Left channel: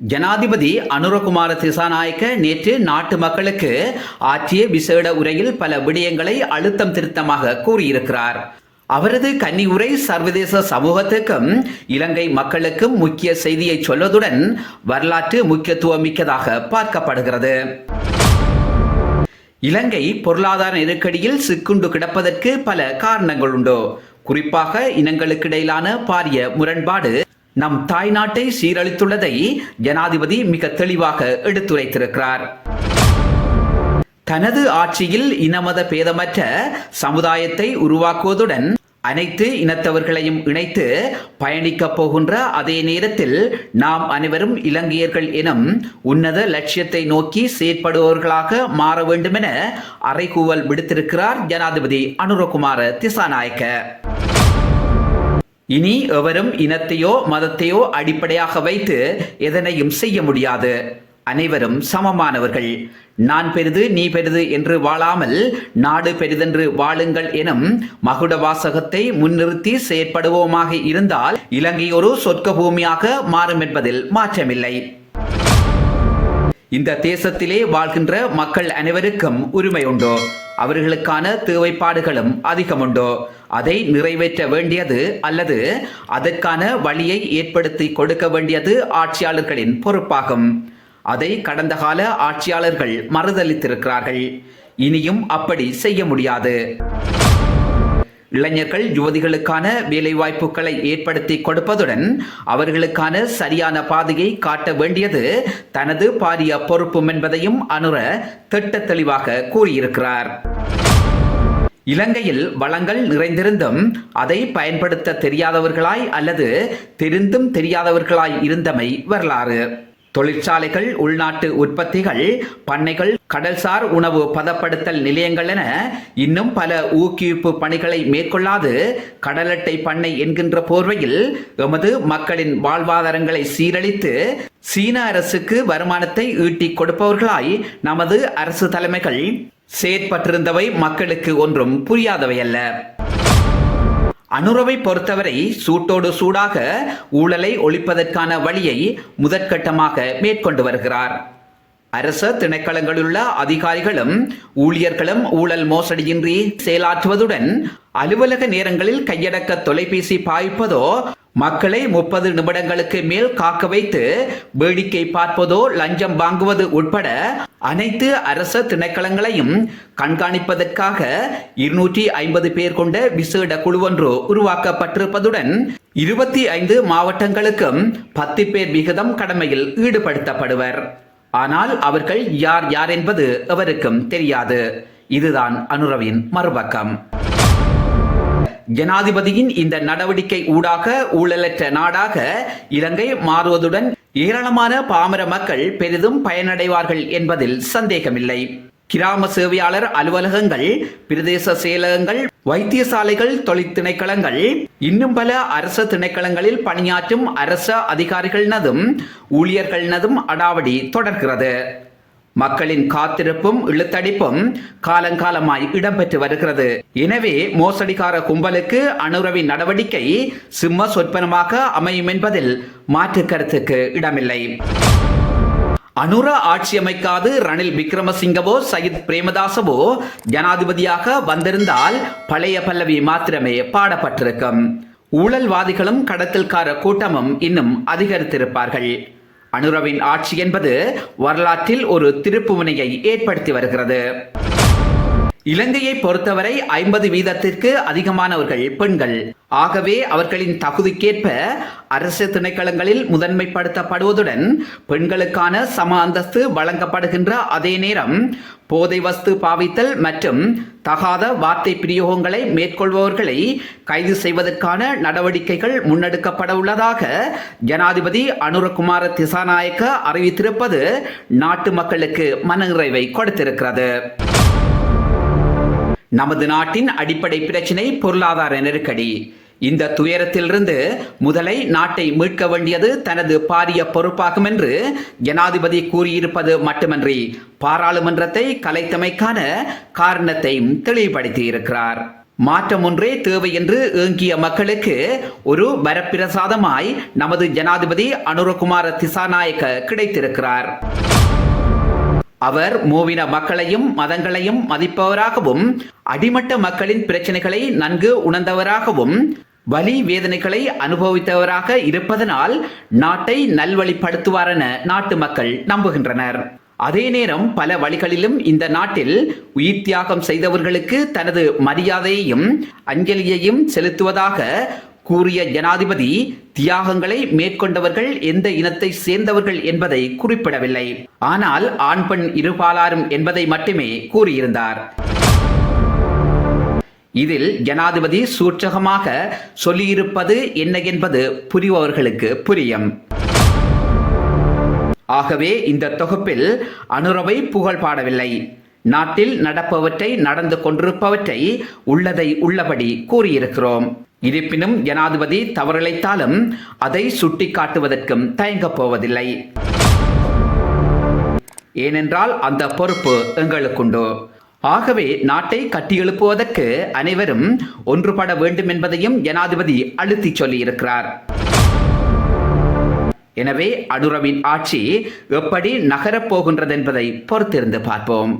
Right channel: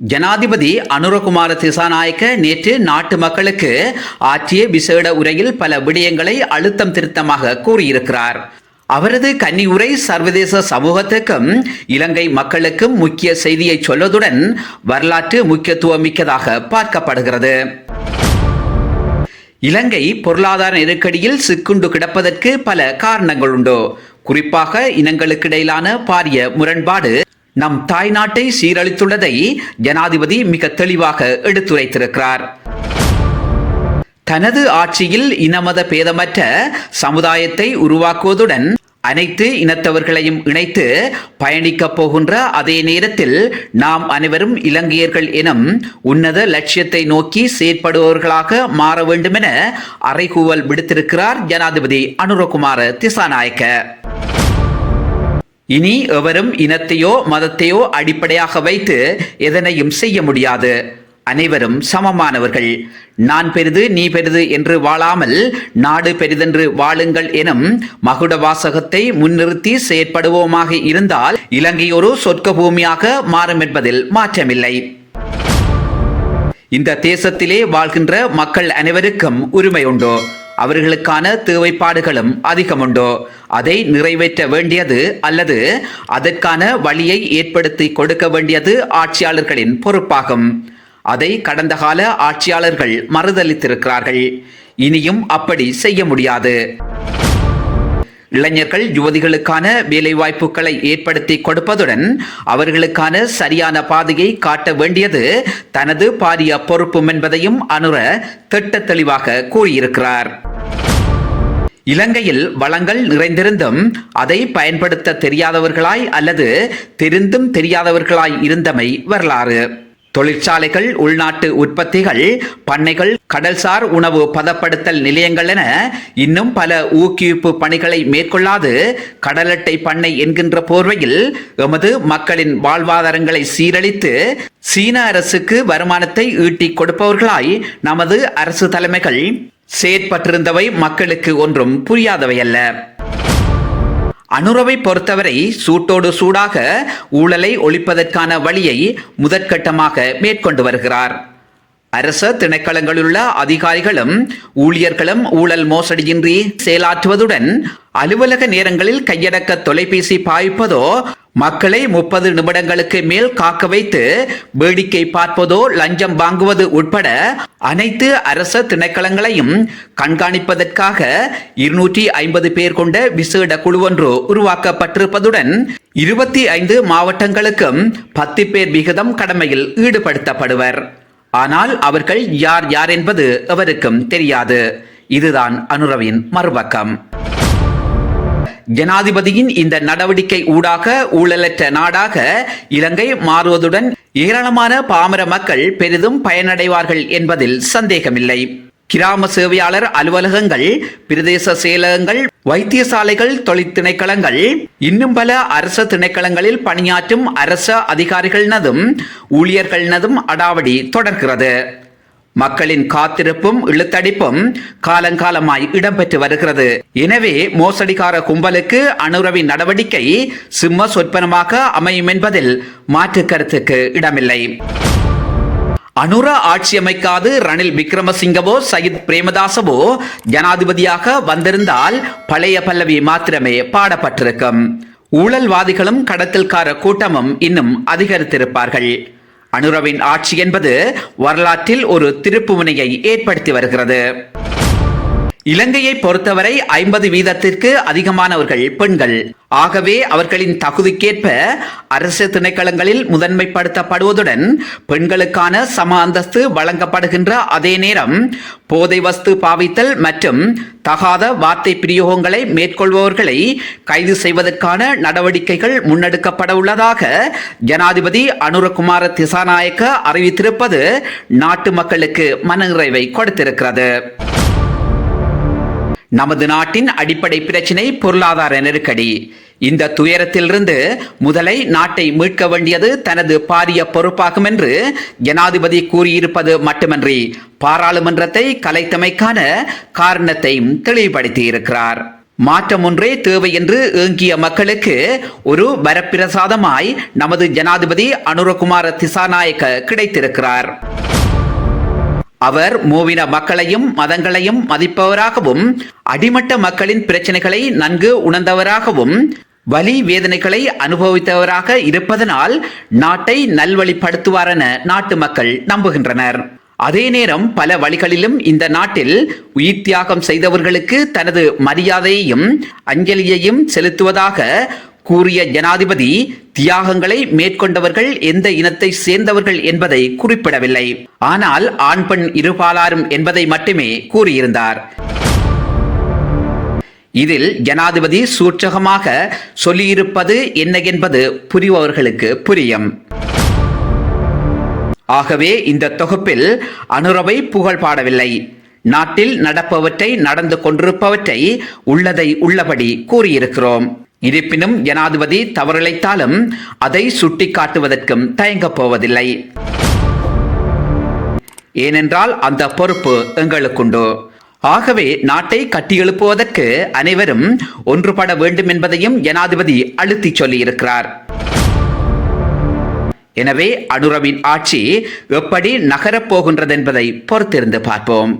ஜனாதிபதி அனுரகுமார திசாநாயக்க நேற்று நாட்டு மக்களுக்கு ஆற்றிய விசேட உரையில் பல விடயங்களை அழுத்தம் திருத்தமாக கூறியிருக்கிறார். அவரது கன்னி உரை சர்வதேச சமூகத்துக்கும் இலங்கை மக்களுக்கும் முக்கிய செய்தியை சொல்வதுடன் வரலாற்று முக்கியத்துவம் மிக்கதாக பார்க்கப்படுகிறது. இலங்கை பொருளாதார நெருக்கடியில் சிக்குண்டு கிடப்பதற்கு பல காரணங்கள் உண்டு. குறிப்பாக இனங்களுக்கிடையிலான பாரிய முரண்பாடு நம் தாய்நாட்டை சீரழித்துள்ளதை ஜனாதிபதி மிக தெளிவாக எடுத்துரைத்திருக்கிறார். தனது ஆட்சியில் இனமத பேதமற்ற சமுதாயத்தை உருவாக்குவதுடன் அனைத்து இனத்தவர்களையும் இணைத்து பயணிக்கப் போகின்ற அதே நேரத்தில் நாம் அனைவரும் இலங்கையர்கள் எனும் உன்னத லட்சியத்தை நோக்கி செயற்படுபவர்களாக மாற வேண்டும் என அறைகூவல் விடுத்திருக்கிறார் ஜனாதிபதி அனுரகுமார திசாநாயக்க. இனி எவரும் இனத்தையோ மதத்தையோ அடிப்படையாக வைத்து எதனையும் செய்ய முடியாது. அனைவரும் சமமானவர்கள். நான் பெரிது நீ பெரிது என்று வாழாமல் நாடு பெரிதென்று வாழுங்கள் எனும் மகுட வாசகத்தை முன்னிறுத்தி செயற்படுவோமாக இருந்தால் இலங்கை ஒரு சொர்க்க பூமியாக மாறும் என்பதில் மாற்றமில்லை. இந்த தேசத்திலே வாழ்கின்ற மக்கள் அனைவருக்கும் உரிமை உண்டு. அவர்களுக்கான தேவைப்பாடுகளும் அதிகம் உண்டு. அதை நிறைவேற்ற வேண்டியது அல்லது அதற்கான வழியை ஏற்படுத்தி கொடுக்க வேண்டியது ஆட்சியாளர்களின் பொறுப்பாகும். அதை கடந்த கால ஆட்சியாளர்கள் மறுதலித்திருக்கிறார்கள். இனியும் அப்படி செய்ய முடியாது. இளைஞர்கள் யுவதிகளுக்கான வேலைவாய்ப்புகளை ஏற்படுத்தி கொடுப்பதுடன் அவர்களுக்கான சரியான பாதையை காட்ட வேண்டியது தனது பாரிய பொறுப்பும் என்பதையும் அனுர திட்ட தெளிவாக கூறியிருக்கிறார். இலங்கையில் வளங்கள் நிறைந்திருந்தும் அதை பயன்படுத்த தெரியாதவர்களாய் அல்லது தெரிந்தும் தெரியாதவர்களாய் இருந்தமை வரலாறு. தொழிற்சாலைகள், உள்நாட்டு உற்பத்திகள், பண்ணைகள், கடல்சார் உணவு பதப்படுத்தல் நிலையங்கள் என இன்னும் பல ஊக்குவிப்பு பணிகளை மேற்கொள்ளாது கடல் அட்டை பண்ணை என்கின்ற போர்வையில் எமது மக்களின் வாழ்வாதாரங்களை சீரழித்து சீன அரசுக்கு வருமானத்தை ஈட்டிக் கொடுப்பவர்களாய் நமது அரசு தலைமைகள் செயற்பட்டிருந்தவை மக்களுக்கு ஒன்றும் புரியாதவை அல்ல. அனுரவை பொறுத்தவரை சூட்டோடு சூடாக ஊழலை ஒழிப்பதற்கான வழியை முதற்கட்டமாக மேற்கொண்டு வருகிறார். அரச திணைக்களங்களிலுள்ள அதிகாரிகளும் ஊழியர்களும் ஊழல் மோசடியின்றி செயலாற்றுவதுடன் அலுவலக நேரங்களில் கையடக்க தொலைபேசி பாய்ப்பதோ, மக்களை 30 நிமிடங்களுக்கு மேல் காக்க வைத்து வேடிக்கை பார்ப்பதோ, லஞ்சம் வாங்குவது உட்பட அனைத்து அரச திணைக்களங்களையும் கண்காணிப்பதற்காக 250 பேர் கொண்ட விசேட குழு ஒன்று உருவாக்கப்பட்டிருப்பதுடன் 25 மாவட்டங்களுக்கும் 10 பேர் விகிதம் கடமையில் ஈடுபடுத்தப்படுவர். ஆனால் அவர்கள் யார் யார் என்பது எவருக்கும் தெரியாது. இதுதான் அனுரவின் மறுபக்கம். ஜனாதிபதியின் இந்த நடவடிக்கை ஊடாக ஊழலற்ற நாடாக இலங்கை மாறுவதுடன் ஏராளமான பாமர மக்கள் பெரிதும் பயனடைவார்கள் என்பதில் சந்தேகமில்லை. கிராம சேவையாளர் அலுவலகங்கள், பிரதேச செயலகங்கள், வைத்தியசாலைகள், தொழில் திணைக்களங்கள், இன்னும் பல அரச திணைக்களங்களில் பணியாற்றும் அரச அதிகாரிகளினதும் ஊழியர்களினதும் அடாவடி தொடர்கிறது. மக்களின் காத்திருப்பும் இழுத்தடிப்பும் காலங்காலமாய் இடம்பெற்று வருகிறது. எனவே மோசடிக்கார கும்பலுக்கு அனுரவின் நடவடிக்கை சிம்ம சொற்பனமாக அமையும் என்பதில் மாற்று கருத்துக்கு இடமில்லை. அனுர ஆட்சி அமைக்காது ரணில் விக்ரமசிங்கவோ சயித் பிரேமதாசவோ ஜனாதிபதியாக வந்திருந்தால் பழைய பல்லவி மாத்திரமே பாடப்பட்டிருக்கும். ஊழல்வாதிகளும் கடத்தல்கார கூட்டமும் இன்னும் அதிகரித்திருப்பார்கள். அனுரவின் ஆட்சி என்பது வரலாற்றில் ஒரு திருப்புமுனையை ஏற்படுத்தி வருகிறது. இலங்கையை பொறுத்தவரை 50% அதிகமானவர்கள் பெண்கள். ஆகவே அவர்களின் தகுதிக்கேற்ப அரசு திணைக்களங்களில் முதன்மைப்படுத்தப்படுவதுடன் பெண்களுக்கான சம அந்தஸ்து வழங்கப்படுகின்ற அதே நேரம் போதை வஸ்து பாவித்தல் மற்றும் தகாத வார்த்தை பிரயோகங்களை மேற்கொள்பவர்களை கைது செய்வதற்கான நடவடிக்கைகள் முன்னெடுக்கப்பட உள்ளதாக ஜனாதிபதி அனுரகுமார திசாநாயக்க அறிவித்திருப்பது நாட்டு மக்களுக்கு மனநிறைவை கொடுத்திருக்கிறது. நமது நாட்டின் அடிப்படை பிரச்சினை பொருளாதார நெருக்கடி. இந்த துயரத்திலிருந்து முதலை நாட்டை மீட்க வேண்டியது தனது பாரிய பொறுப்பாகும் என்று ஜனாதிபதி கூறியிருப்பது மட்டுமன்றி பாராளுமன்றத்தை கலைத்தமைக்கான காரணத்தையும் தெளிவுபடுத்தியிருக்கிறார். மாற்றம் ஒன்றே தேவை என்று ஏங்கிய மக்களுக்கு ஒரு வரப்பிரசாதமாய் நமது ஜனாதிபதி அனுரகுமார திசாநாயக்க கிடைத்திருக்கிறார். அவர் மூவின மக்களையும் மதங்களையும் மதிப்பவராகவும் அடிமட்ட மக்களின் பிரச்சனைகளை நன்கு உணர்ந்தவராகவும் வலி வேதனைகளை அனுபவித்தவராக இருப்பதனால் நாட்டை நல்வழிப்படுத்துவார் என நாட்டு மக்கள் நம்புகின்றனர். அதே நேரம் பல வழிகளிலும் இந்த நாட்டில் உயிர் தியாகம் செய்தவர்களுக்கு தனது மரியாதையையும் அஞ்சலியையும் செலுத்துவதாக கூறிய ஜனாதிபதி தியாகங்களை மேற்கொண்டவர்கள் எந்த இனத்தை சேர்ந்தவர்கள் என்பதை குறிப்பிடவில்லை. ஆனால் ஆண் பெண் இருபாலாரும் என்பதை மட்டுமே கூறியிருந்தார். இதில் ஜனாதிபதி சூட்சகமாக சொல்லியிருப்பது என்ன என்பது புரிபவர்களுக்கு புரியும். ஆகவே இந்த தொகுப்பில் அனுரவை புகழ் பாடவில்லை. நாட்டில் நடப்பவற்றை நடந்து கொண்டிருப்பவற்றை உள்ளதை உள்ளபடி கூறியிருக்கிறோம். இருப்பினும் ஜனாதிபதி தவறிழைத்தாலும் அதை சுட்டிக்காட்டுவதற்கும் தயங்கப் போவதில்லை. ஏனென்றால் அந்த பொறுப்பு எங்களுக்குண்டு. ஆகவே நாட்டை கட்டியெழுப்புவதற்கு அனைவரும் ஒன்றுபட வேண்டும் என்பதையும் ஜனாதிபதி அழுத்தி சொல்லியிருக்கிறார். எனவே அனுரவின் ஆட்சி எப்படி நகரப் போகின்றது என்பதை பொறுத்திருந்து பார்ப்போம்.